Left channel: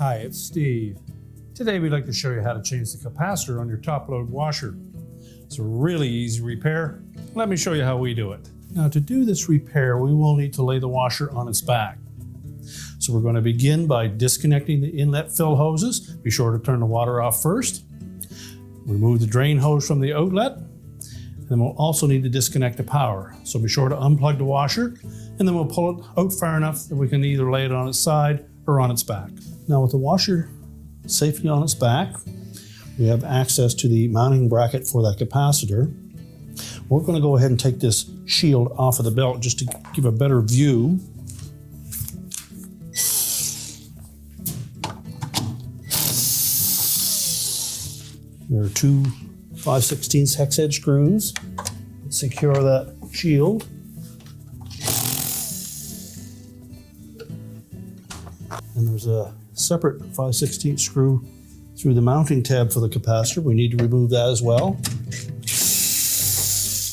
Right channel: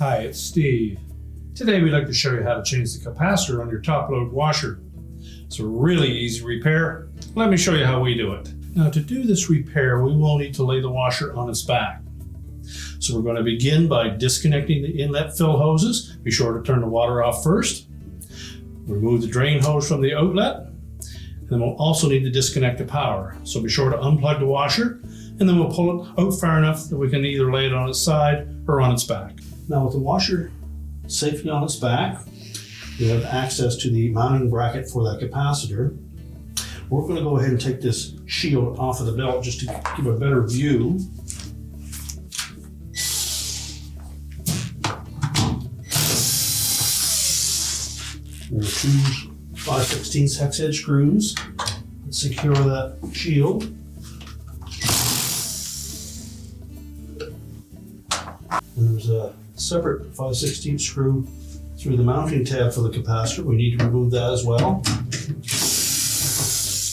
Hi, it's Steve. Today we'd like to show you how to change the capacitor on your top load washer. It's a really easy repair. Let me show you how we do it. Now to do this repair, we will need to lay the washer on its back. So we're going to begin by disconnecting the inlet fill hoses. Be sure to turn the water off first. Remove the drain hose from the outlet. And then we'll also need to disconnect the power. So be sure to unplug the washer, and then we'll pull it out far enough that we can either lay it on its side or on its back. Now with the washer safely on its back, we have access to the mounting bracket for that capacitor. We're going to go ahead and take this shield off of the belt just to give a better view. There are two 5/16 hex head screws that secure that shield. And there's a separate 5/16 screw through the mounting tab for the capacitor. We need to remove that as well.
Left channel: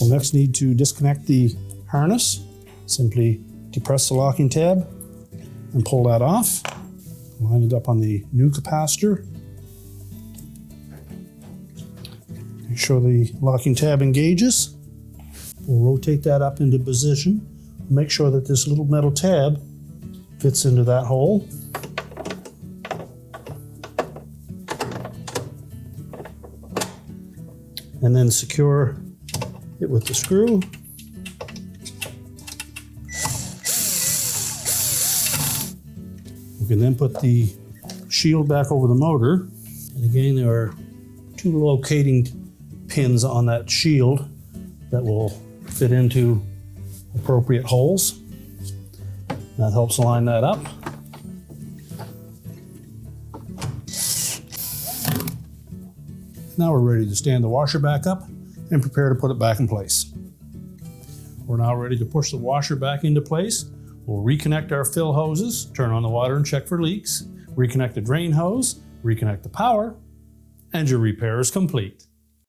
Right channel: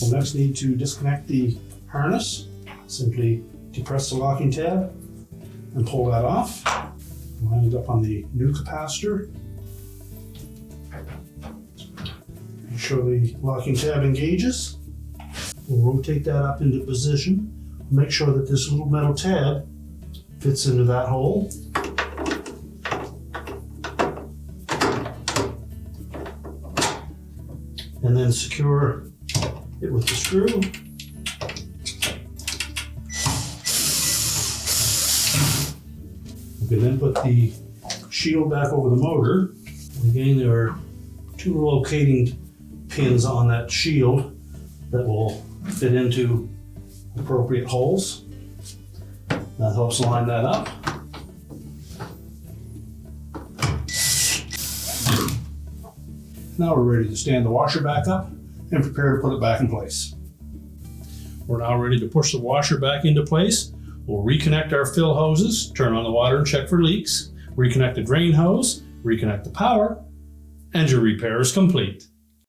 We'll next need to disconnect the harness. Simply depress the locking tab and pull that off. Line it up on the new capacitor. Make sure the locking tab engages. We'll rotate that up into position. Make sure that this little metal tab fits into that hole. And then secure it with the screw. We can then put the shield back over the motor. And again, there are two locating pins on that shield that will fit into appropriate holes. That helps line that up. Now we're ready to stand the washer back up and prepare to put it back in place. We're now ready to push the washer back into place. We'll reconnect our fill hoses, turn on the water and check for leaks, reconnect the drain hose, reconnect the power, and your repair is complete.